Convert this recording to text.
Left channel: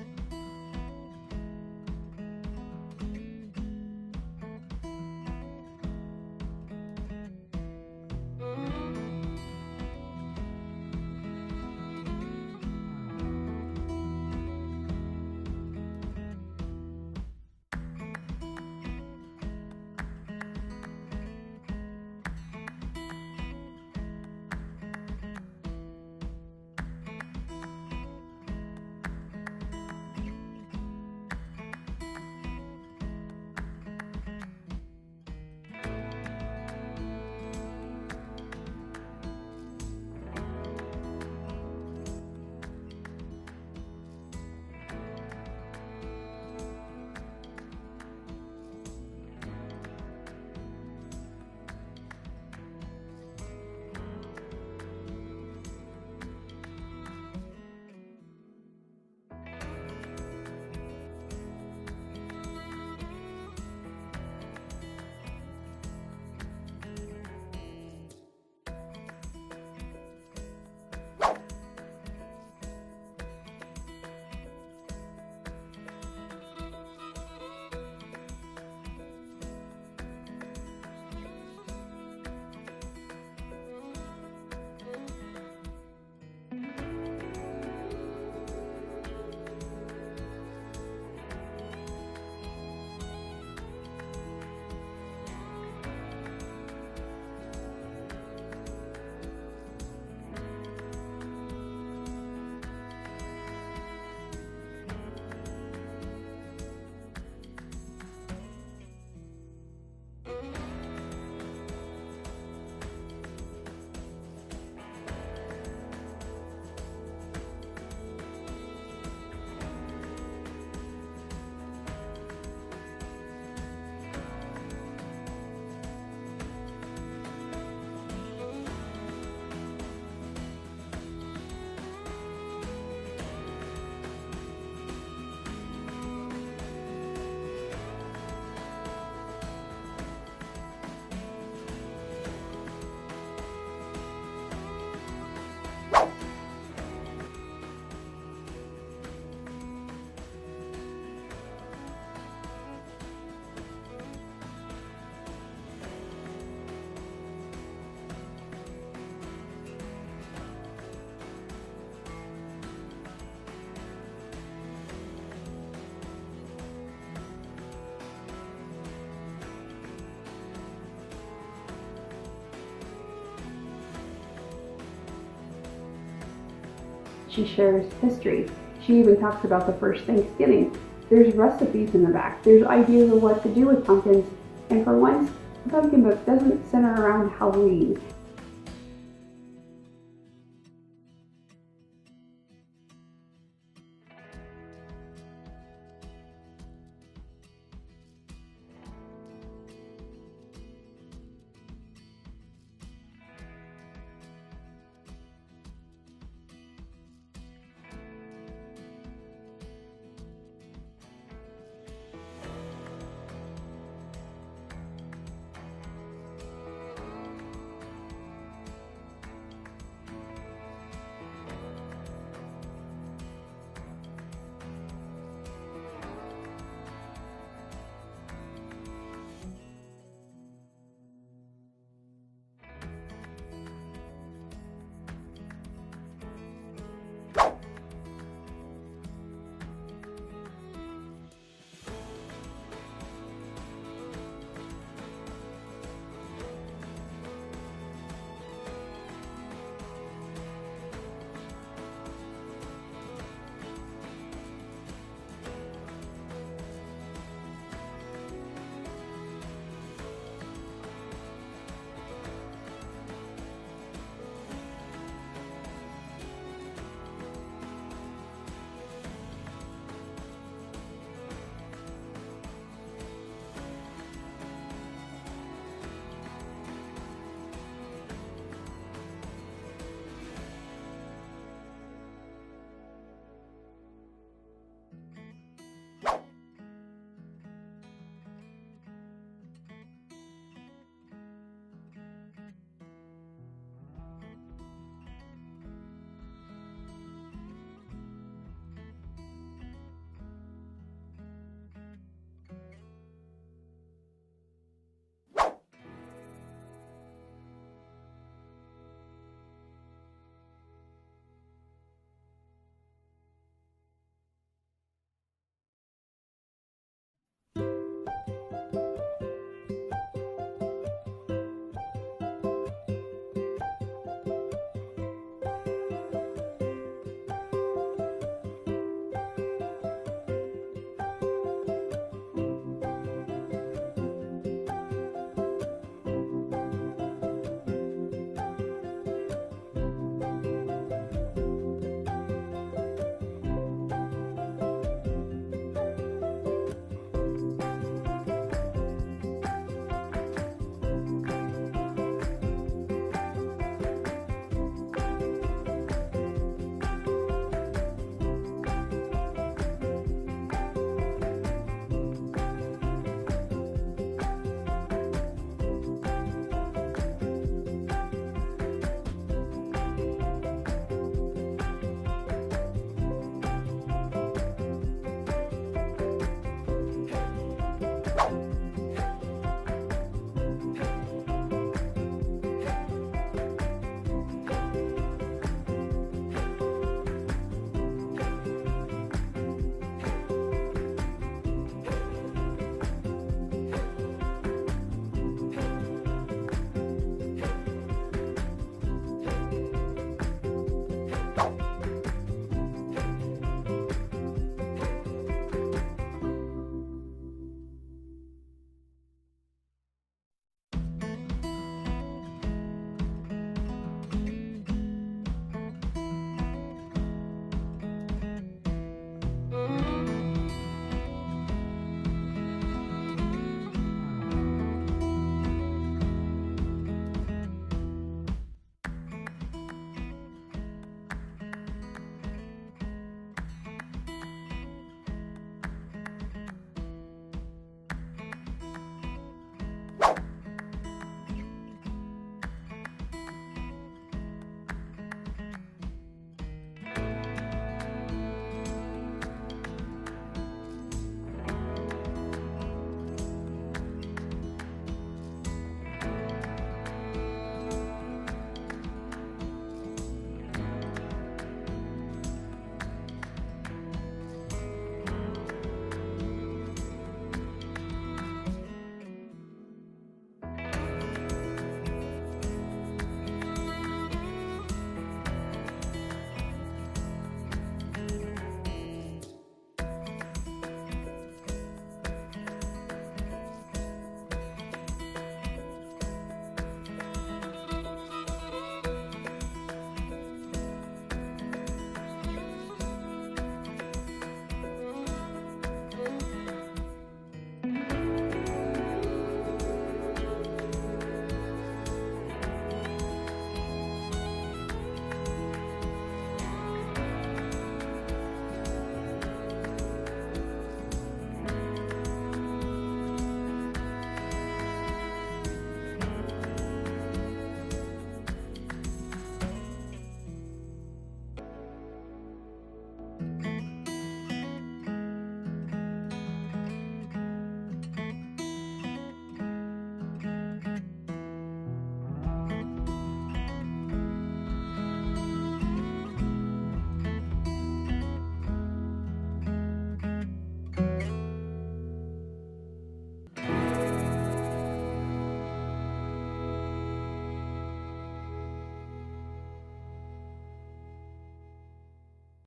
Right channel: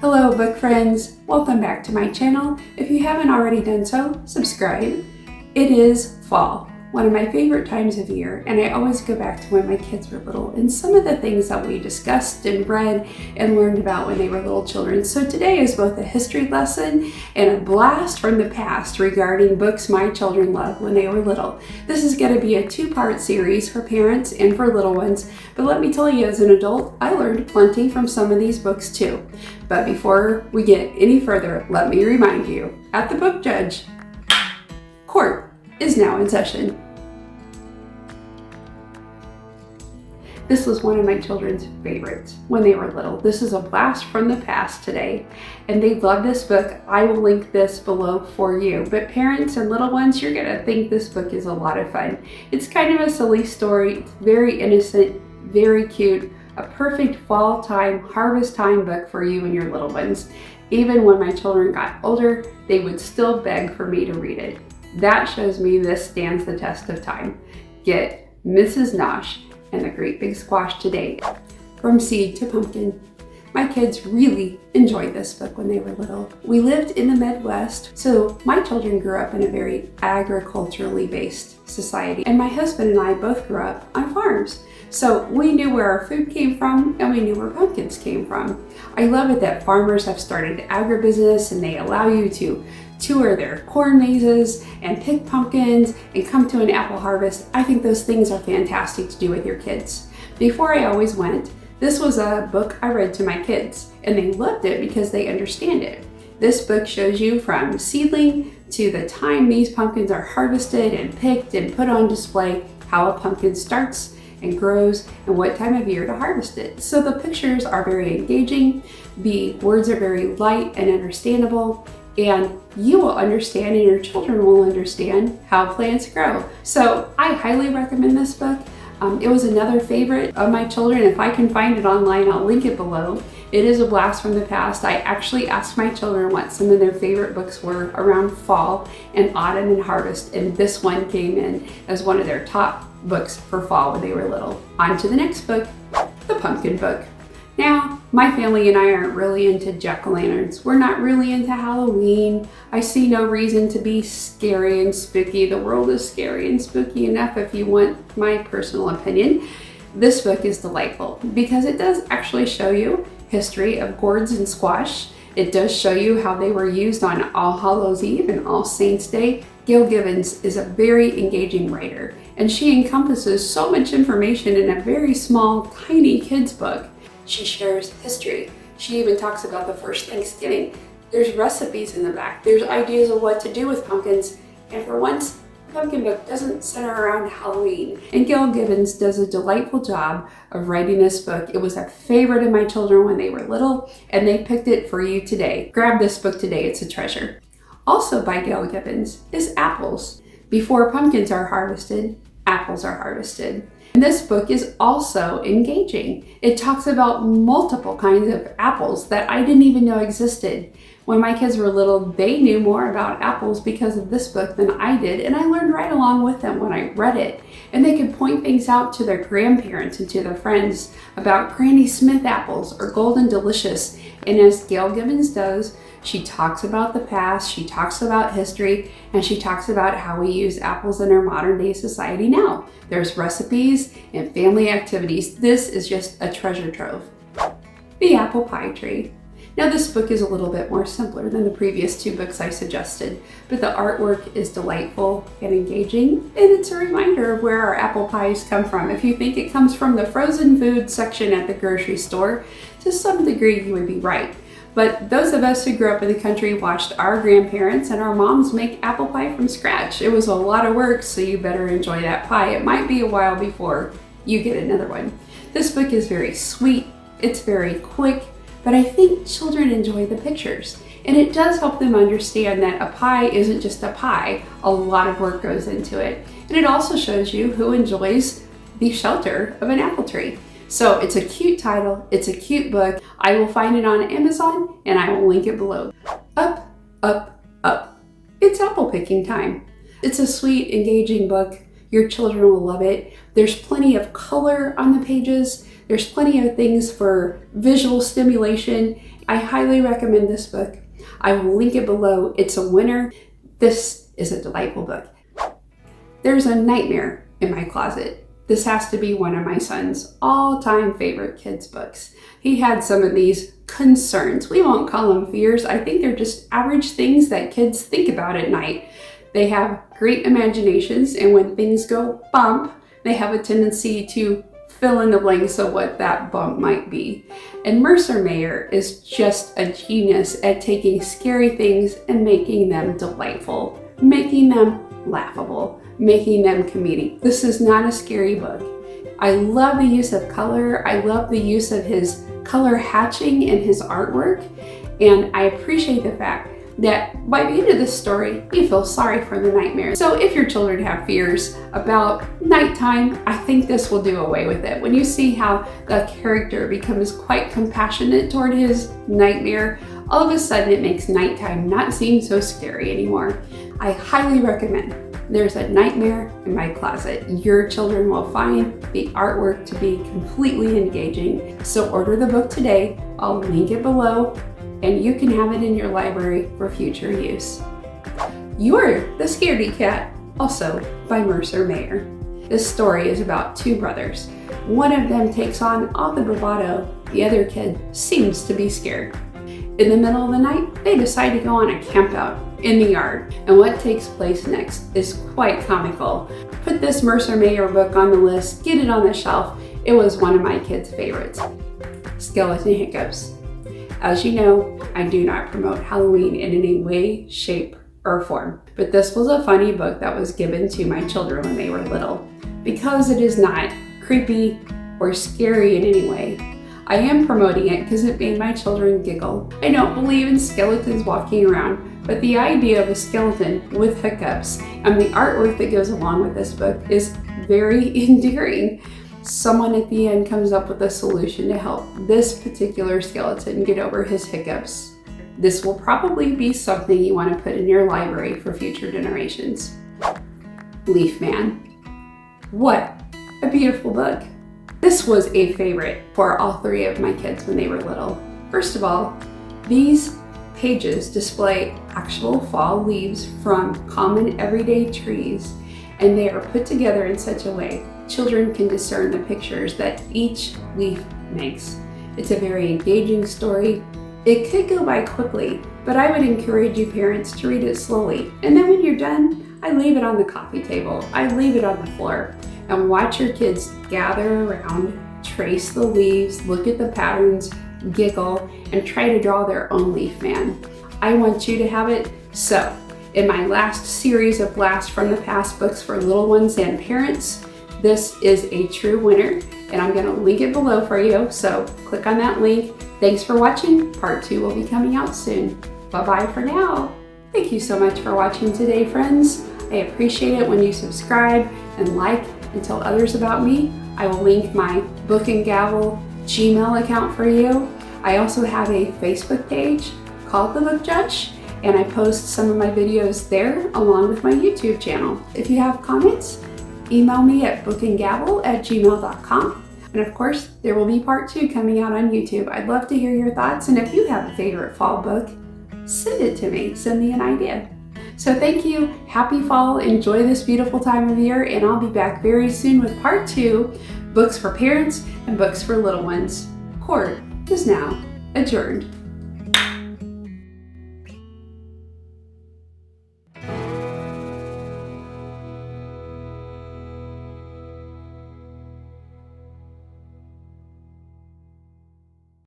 Hello book friends, welcome back to my channel. If you haven't already done so, subscribe. It is fall, one of my favorite times of year, and I always go back to when my kids were little and some of the things that we discussed and read and learned about when they were little children. So today is both a history lesson and a blast from the past regarding books my children loved when they were little. This is going to be a two-part series for parents and for little ones, but let me tell you, as an adult, I learned plenty from some of these books too. But before we get any further, let me remind you, at The Book Judge, court is now in session. This was one of my children's favorites when they were little. This is a blast from the past today, and they love this book. I will link this below for you. But parents and little ones, you're gonna think this book is a lot of fun. It's kind of a silly story. It's very innocent, very cute, a perfect fall time, harvest time book for you and your little ones. Even when my children got older, they would still beg for me to read it. That shows me this stands the test of time. Get Mrs. Nosh and the Great Big Squash today, From Seed to Pumpkin. My kids really enjoyed this book when they were little. We lived in the Midwest, so my children grew up in a very agriculturally based society, and my husband and I both grew up on farms. So we knew where our food came from and we knew where pumpkins came from. I love it that farmers have started agribusiness and they allow you to tour their corn mazes and pick pumpkins and come to an apple harvest. I think those things are fantastic to do with your kids. Before I always went, this was a book I read to my kids, and they loved it because they understand it. This book shows you from seedling to the time these pumpkins are harvested and picked and put on display, how a pumpkin starts and grows and what time of year to harvest it. So the pictures are very engaging, the words are very light and understandable, and you will understand and your children will understand how plants grow. So I highly recommend this book. It was another favorite of my children. If I can find it online, I'll link it below. It is a blast from the past. I actually asked my children what some of their favorite books were around fall and autumn and harvest, and this one came in as one of their top books for fall when they were little. On to the next book, The Pumpkin Book. Now, my family and I aren't really into jack-o'-lanterns. We're not really into Halloween. I see no reason to be scary and spooky. The world is scary and spooky enough if you want my personal opinion. This book is delightful because it does actually show you history of gourds and squash. It does show you how they were used on All Hallows Eve and All Saints Day. Gail Gibbons is a very engaging writer, and she encompasses so much information in a very small, tiny kid's book. She shares history. She even talks about the first Thanksgiving. There's recipes in the back. There's ideas of what to do with pumpkins. And for once, the pumpkin book doesn't center around Halloween. And Gail Gibbons does a delightful job of writing this book. It was a favorite of my children when they were little, and they picked it for you today. Grab this book today, it's a treasure. Also by Gail Gibbons is Apples. Before pumpkins are harvested, apples are harvested. And this book is also engaging. It talks about multiple kinds of apples that I didn't even know existed. When my kids were little, they knew more about apples because of this book than I did, and I learned right along with them when I read it. And they could point things out to their grandparents and to their friends about Granny Smith apples or Golden Delicious. And as Gail Gibbons does, she talks about the past, she talks about history, and she talks about how we use apples in our modern day society now. There's recipes and family activities. This is just a treasure trove. The Apple Pie Tree. Now this book is a little bit more simpler than the previous two books I suggested, but the artwork is delightful and engaging, and it's a reminder of where our apple pies come from. If you think it comes from the frozen food section at the grocery store, to some degree you would be right. But those of us who grew up in the country watched our grandparents and our moms make apple pie from scratch. It was a lot of work, so you better enjoy that pie. It might be a while before you get another one. This book is very sweet, it's very quick, but I think children enjoy the pictures. And it does help them understand that a pie isn't just a pie. A lot of work goes into it. And it also shows you who enjoys the shelter of an apple tree. So it's a cute title, it's a cute book. I will find it on Amazon and I will link it below. Up, up, up. It's apple picking time. It's a sweet, engaging book. Your children will love it. There's plenty of color on the pages. There's plenty of things for visual stimulation. I highly recommend this book. I will link it below. It's a winner. This is a delightful book. There's a nightmare in my closet. This has to be one of my son's all-time favorite kids' books. He had some of these concerns. We won't call them fears. I think they're just average things that kids think about at night. They have great imaginations, and when things go bump, they have a tendency to fill in the blanks of what that bump might be. And Mercer Mayer is just a genius at taking scary things and making them delightful, making them laughable, making them comedic. This is not a scary book. I love the use of color. I love the use of his color hatching in his artwork. And I appreciate the fact that by the end of this story, you feel sorry for the nightmare. So if your children have fears about nighttime, I think this will do away with it. When you see how the character becomes quite compassionate toward his nightmare, all of a sudden it makes nighttime not seem so scary anymore. I highly recommend There's a Nightmare in My Closet. Your children will find the artwork to be completely engaging. So order the book today. I'll link it below, and you can have it in your library for future use. You're the Scaredy Cat, also by Mercer Mayer. This story is about two brothers. One of them takes on all the bravado. The other kid seems to be scared. In the middle of the night, they decide to go on a camp out in the yard, and what takes place next is quite comical. Put this Mercer Mayer book on the list, get it on the shelf. It was one of my kids' favorites. Skeleton Hiccups. As you know, I do not promote Halloween in any way, shape, or form, but this was a funny book that was given to my children when they were little. Because it is not creepy or scary in any way, I am promoting it because it made my children giggle. I don't believe in skeletons walking around, but the idea of a skeleton with hiccups and the artwork that goes along with this book is very endearing. Someone at the end comes up with a solution to help this particular skeleton get over his hiccups. This will probably be something you want to put in your library for future generations. Leaf Man. What a beautiful book. This was a favorite for all three of my kids when they were little. First of all, these pages display actual fall leaves from common everyday trees, and they are put together in such a way children can discern the pictures that each leaf makes. It's a very engaging story. It could go by quickly, but I would encourage you parents to read it slowly. And then when you're done, I leave it on the coffee table. I leave it on the floor. And watch your kids gather around, trace the leaves, look at the patterns, giggle, and try to draw their own leaf man. I want you to have it. So, in my last series of Blast from the Past books for little ones and parents, this is a true winner, and I'm gonna link it below for you, so click on that link. Thanks for watching. Part 2 will be coming out soon. Bye-bye for now. Thank you so much for watching today, friends. I appreciate it when you subscribe and like and tell others about me. I will link my Book and Gavel Gmail account for you. I also have a Facebook page called TheBookJudge, and I post some of my videos there along with my YouTube channel. If you have comments, email me at bookandgavel@gmail.com. And of course, there will be part 2 coming out on YouTube. I'd love to hear your thoughts, and if you have a favorite fall book, send it to me. Send me an idea. So thank you, happy fall, enjoy this beautiful time of year, and I'll be back very soon with part 2, books for parents and books for little ones. Court is now adjourned.